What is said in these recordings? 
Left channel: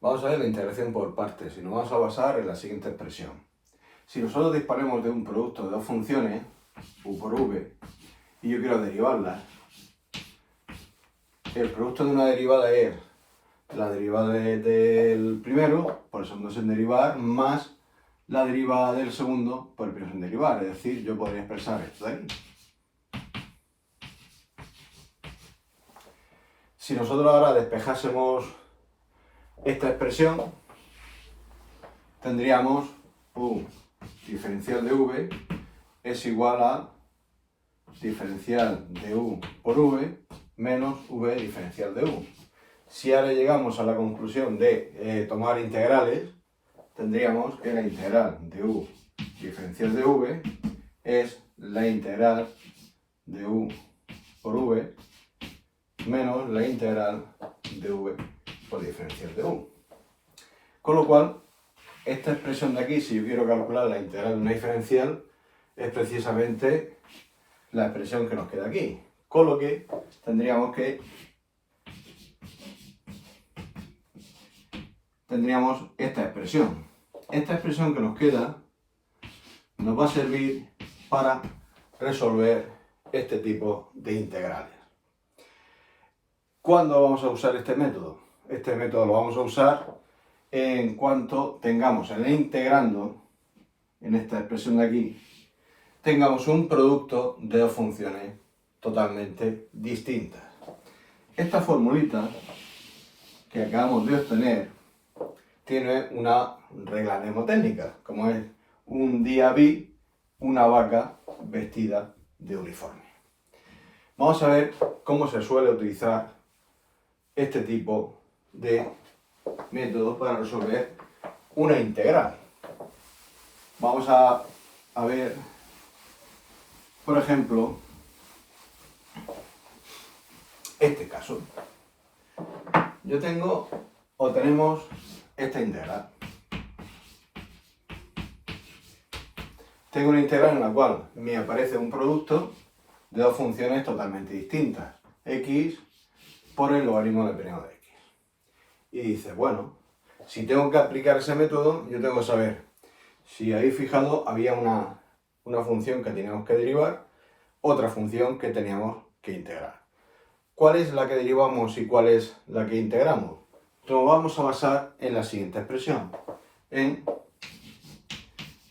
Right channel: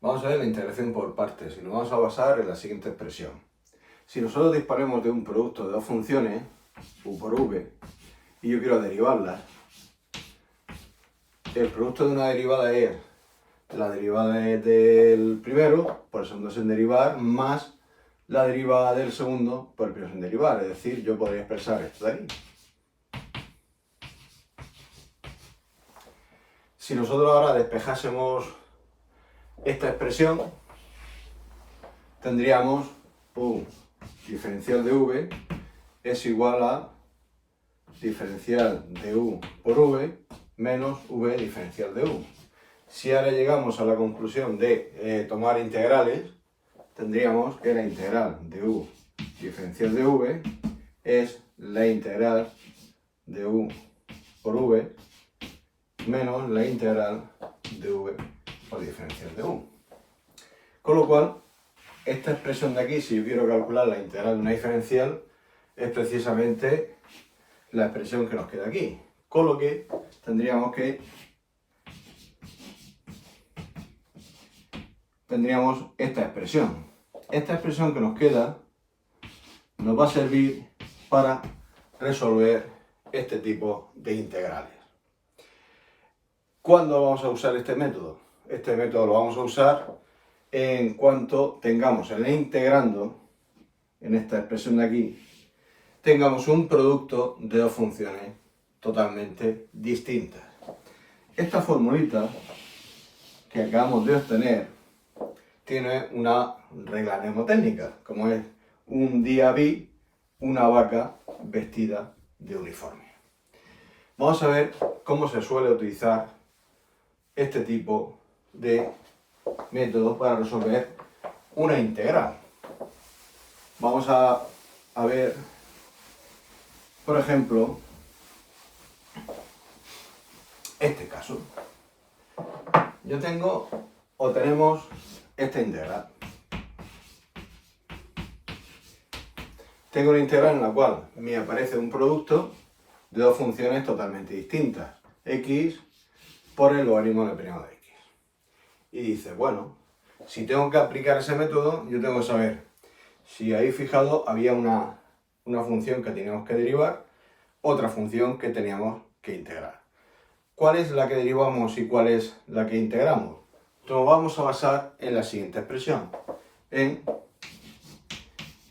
Vamos a ver la integración por partes y nos vamos a basar en la siguiente expresión. Si nosotros disponemos de un producto de dos funciones, u por v, y yo quiero derivarlas, el producto de una derivada es la derivada del primero por el segundo sin derivar más la derivada del segundo por el primero sin derivar. Es decir, yo podría expresar esto de aquí. Si nosotros ahora despejásemos esta expresión, tendríamos u diferencial de v es igual a diferencial de u por v menos v diferencial de u. Si ahora llegamos a la conclusión de tomar integrales, tendríamos que la integral de u diferencial de v es la integral de u por v menos la integral de v por diferencial de u. Con lo cual, esta expresión de aquí, si yo quiero calcular la integral de una diferencial, es precisamente la expresión que nos queda aquí. Con lo que tendríamos esta expresión. Esta expresión que nos queda nos va a servir para resolver este tipo de integrales. ¿Cuándo vamos a usar este método? Este método lo vamos a usar en cuanto tengamos en el integrando, en esta expresión de aquí, tengamos un producto de dos funciones totalmente distintas. Esta formulita que acabamos de obtener tiene una regla mnemotécnica, como es un día vi una vaca vestida de uniforme. Vamos a ver cómo se suele utilizar este tipo de método para resolver una integral. Vamos a ver, por ejemplo, este caso. Yo tengo o tenemos esta integral. Tengo una integral en la cual me aparece un producto de dos funciones totalmente distintas, x por el logaritmo del periodo de x. Y dice, bueno, si tengo que aplicar ese método, yo tengo que saber si ahí fijado había una función que teníamos que derivar, otra función que teníamos que integrar. ¿Cuál es la que derivamos y cuál es la que integramos? Nos vamos a basar en la siguiente expresión,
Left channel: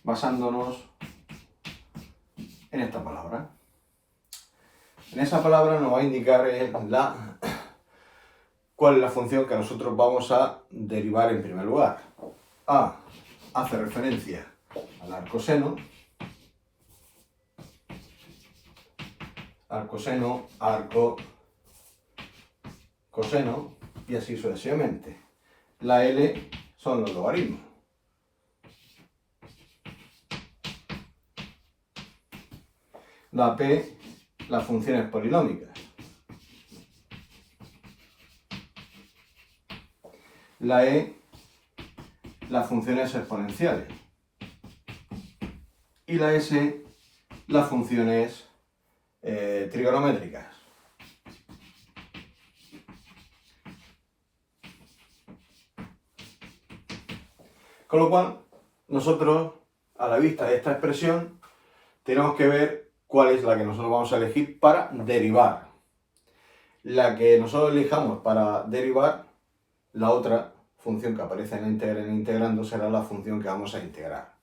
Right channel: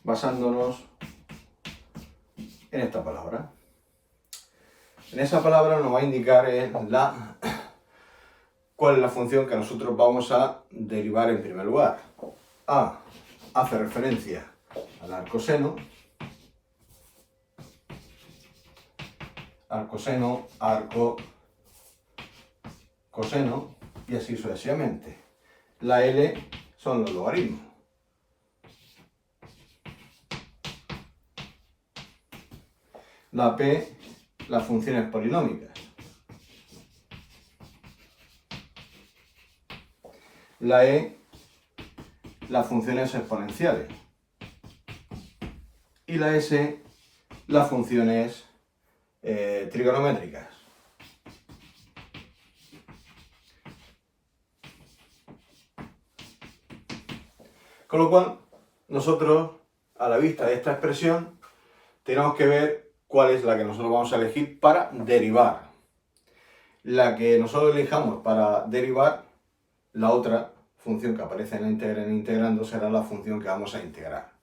basándonos en esta palabra. En esa palabra nos va a indicar cuál es la función que nosotros vamos a derivar en primer lugar. A hace referencia al arcoseno, arco, coseno y así sucesivamente. La L son los logaritmos. La P, las funciones polinómicas. La E, las funciones exponenciales. Y la S, las funciones trigonométricas. Con lo cual, nosotros, a la vista de esta expresión, tenemos que ver cuál es la que nosotros vamos a elegir para derivar. La que nosotros elijamos para derivar, la otra función que aparece en integrando será la función que vamos a integrar.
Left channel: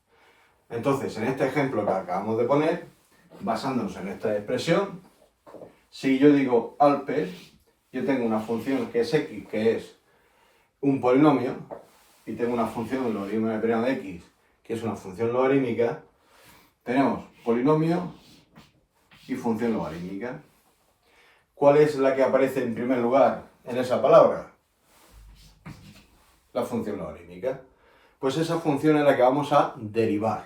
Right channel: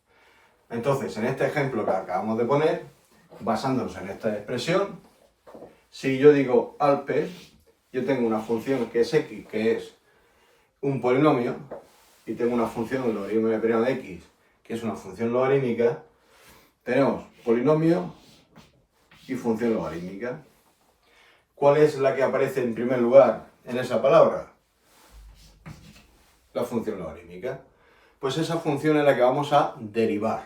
Entonces, en este ejemplo que acabamos de poner, basándonos en esta expresión, si yo digo alpes, yo tengo una función que es x, que es un polinomio, y tengo una función del logaritmo de periodo de x, que es una función logarítmica, tenemos polinomio y función logarítmica. ¿Cuál es la que aparece en primer lugar en esa palabra? La función logarítmica. Pues esa función es la que vamos a derivar.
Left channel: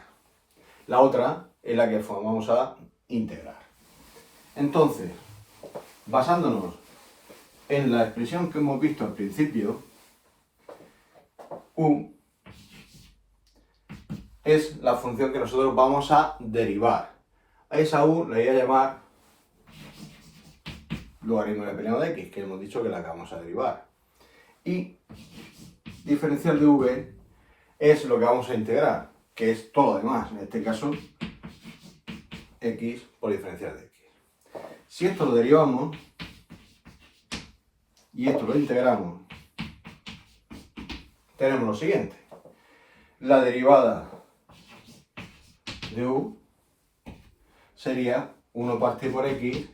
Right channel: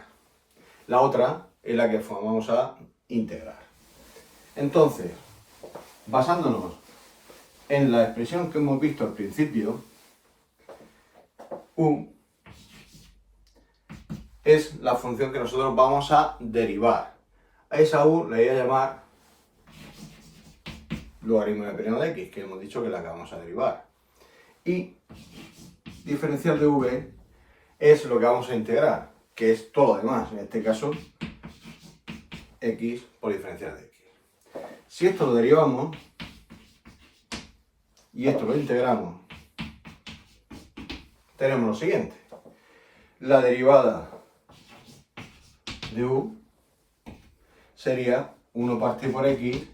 La otra es la que vamos a integrar. Entonces, basándonos en la expresión que hemos visto al principio, u es la función que nosotros vamos a derivar. A esa u le voy a llamar logaritmo de periodo de x, que hemos dicho que la que vamos a derivar. Y diferencial de v es lo que vamos a integrar, que es todo lo demás, en este caso x por diferencial de x. Si esto lo derivamos y esto lo integramos, tenemos lo siguiente. La derivada de u sería 1 partido por x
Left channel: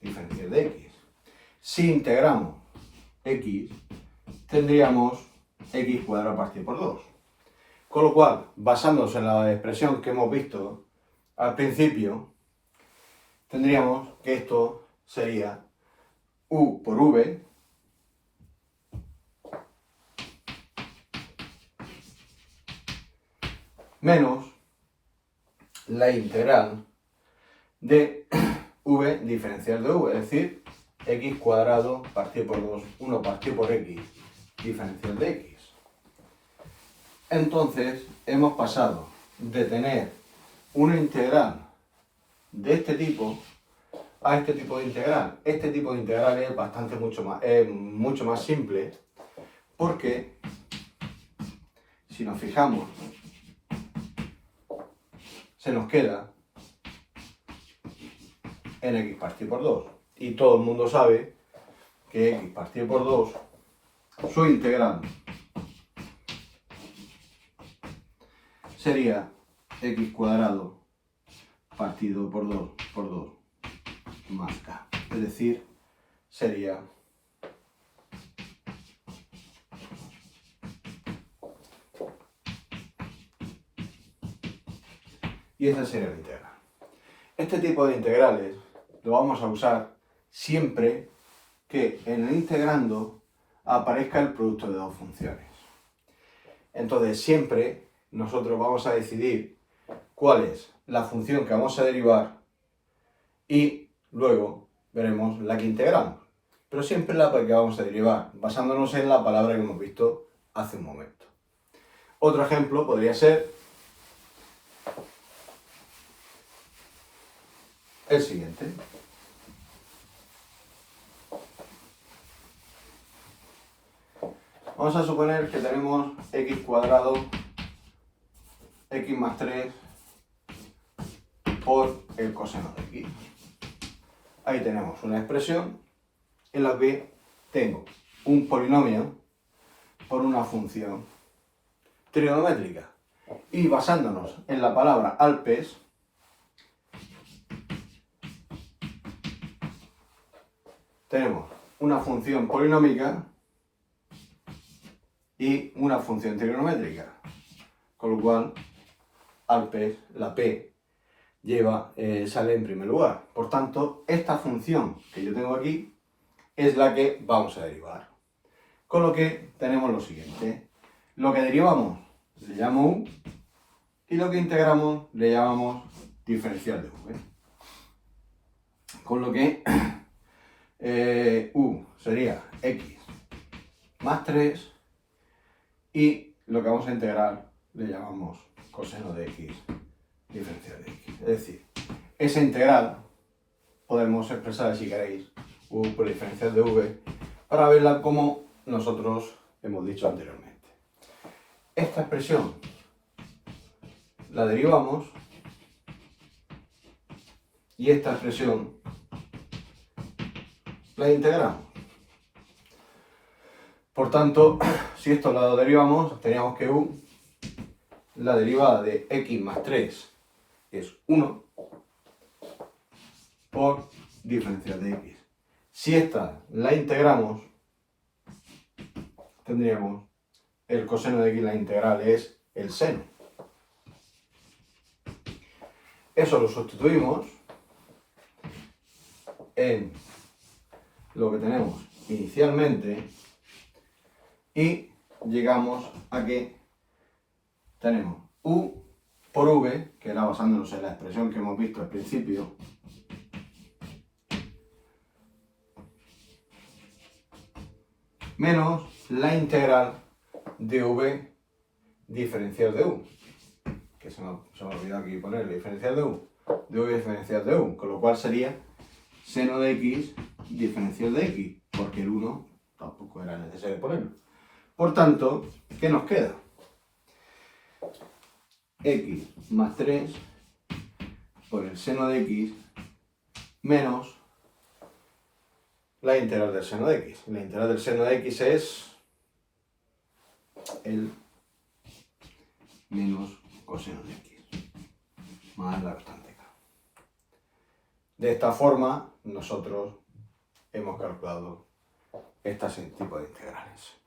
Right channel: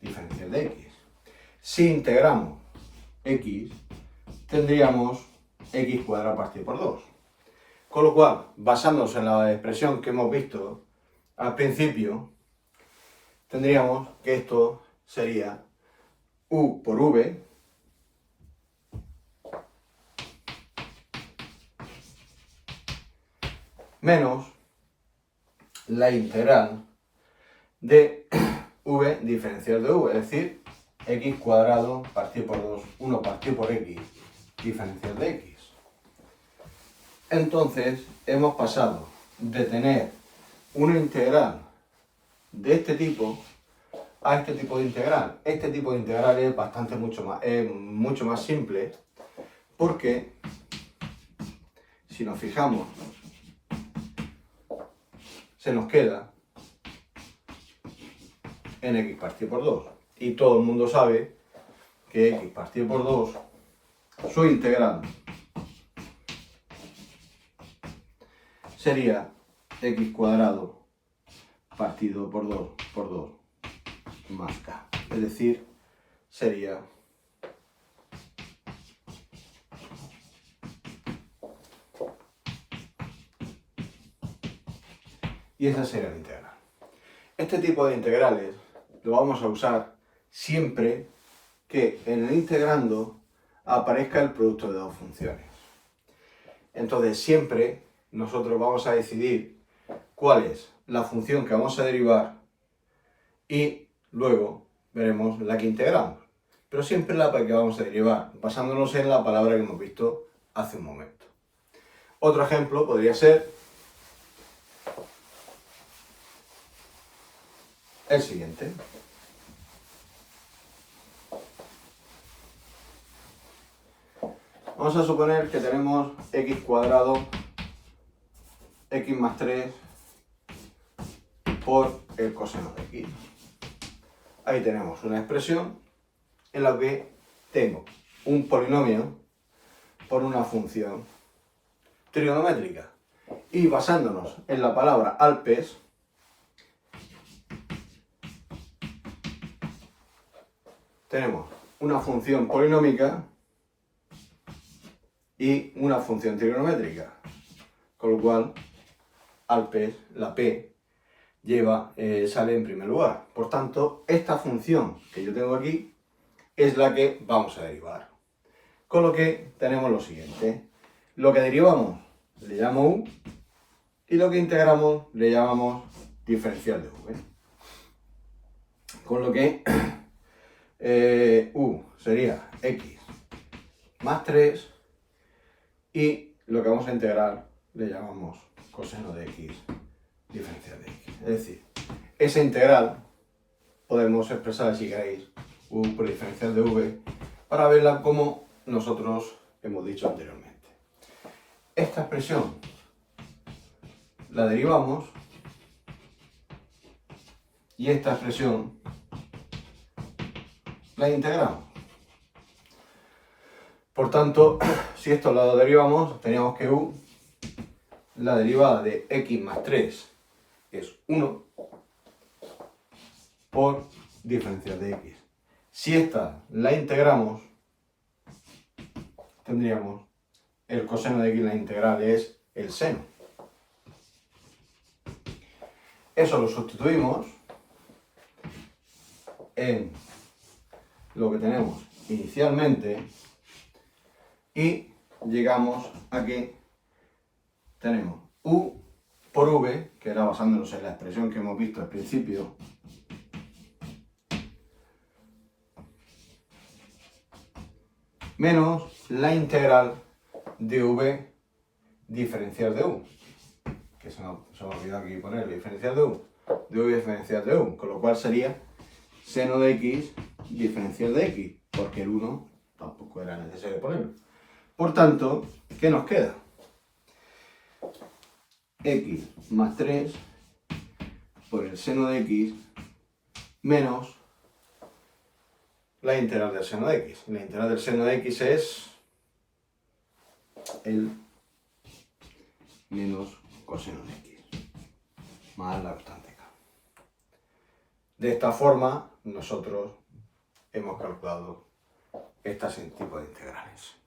diferencial de x. Si integramos x, tendríamos x cuadrado partido por 2. Con lo cual, basándonos en la expresión que hemos visto al principio, tendríamos que esto sería u por v menos la integral de v diferencial de v, es decir, x cuadrado partido por 2, 1 partido por x diferencial de x. Entonces, hemos pasado de tener una integral de este tipo a este tipo de integral. Este tipo de integral es mucho más simple, porque si nos fijamos, se nos queda en x partido por 2. Y todo el mundo sabe que x partido por 2, su integral sería x cuadrado partido por 2 más k. Es decir, sería y esa sería la integral. Este tipo de integrales lo vamos a usar siempre que en el integrando aparezca el producto de dos funciones. Entonces siempre nosotros vamos a decidir cuál es la función que vamos a derivar y luego veremos la que integramos. Pero siempre la que vamos a derivar, basándonos en la palabra que hemos visto hace un momento. Otro ejemplo podría ser el siguiente. Vamos a suponer que tenemos x cuadrado, x más 3 por el coseno de x. Ahí tenemos una expresión en la que tengo un polinomio por una función trigonométrica. Y basándonos en la palabra alpes, tenemos una función polinómica y una función trigonométrica, con lo cual alpes, la p, sale en primer lugar. Por tanto, esta función que yo tengo aquí es la que vamos a derivar. Con lo que tenemos lo siguiente. Lo que derivamos le llamo u y lo que integramos le llamamos diferencial de v. Con lo que u sería x más 3 y lo que vamos a integrar le llamamos coseno de x diferencial de x. Es decir, esa integral podemos expresar, si queréis, u por diferencial de v para verla como nosotros hemos dicho anteriormente. Esta expresión la derivamos y esta expresión la integramos. Por tanto, si esto lo derivamos, teníamos que u, la derivada de x más 3 es 1 por diferencial de x. Si esta la integramos, tendríamos el coseno de x, la integral es el seno. Eso lo sustituimos en lo que tenemos inicialmente y llegamos a que tenemos u por v, que era basándonos en la expresión que hemos visto al principio, menos la integral de v diferencial de u, que se me ha olvidado aquí ponerle diferencial de u diferencial de u, con lo cual sería seno de x diferencial de x, porque el 1 tampoco era necesario ponerlo. Por tanto, ¿Qué nos queda? X más 3 por el seno de X menos la integral del seno de X. La integral del seno de X es el menos coseno de X más la constante K. De esta forma, nosotros hemos calculado este tipo de integrales.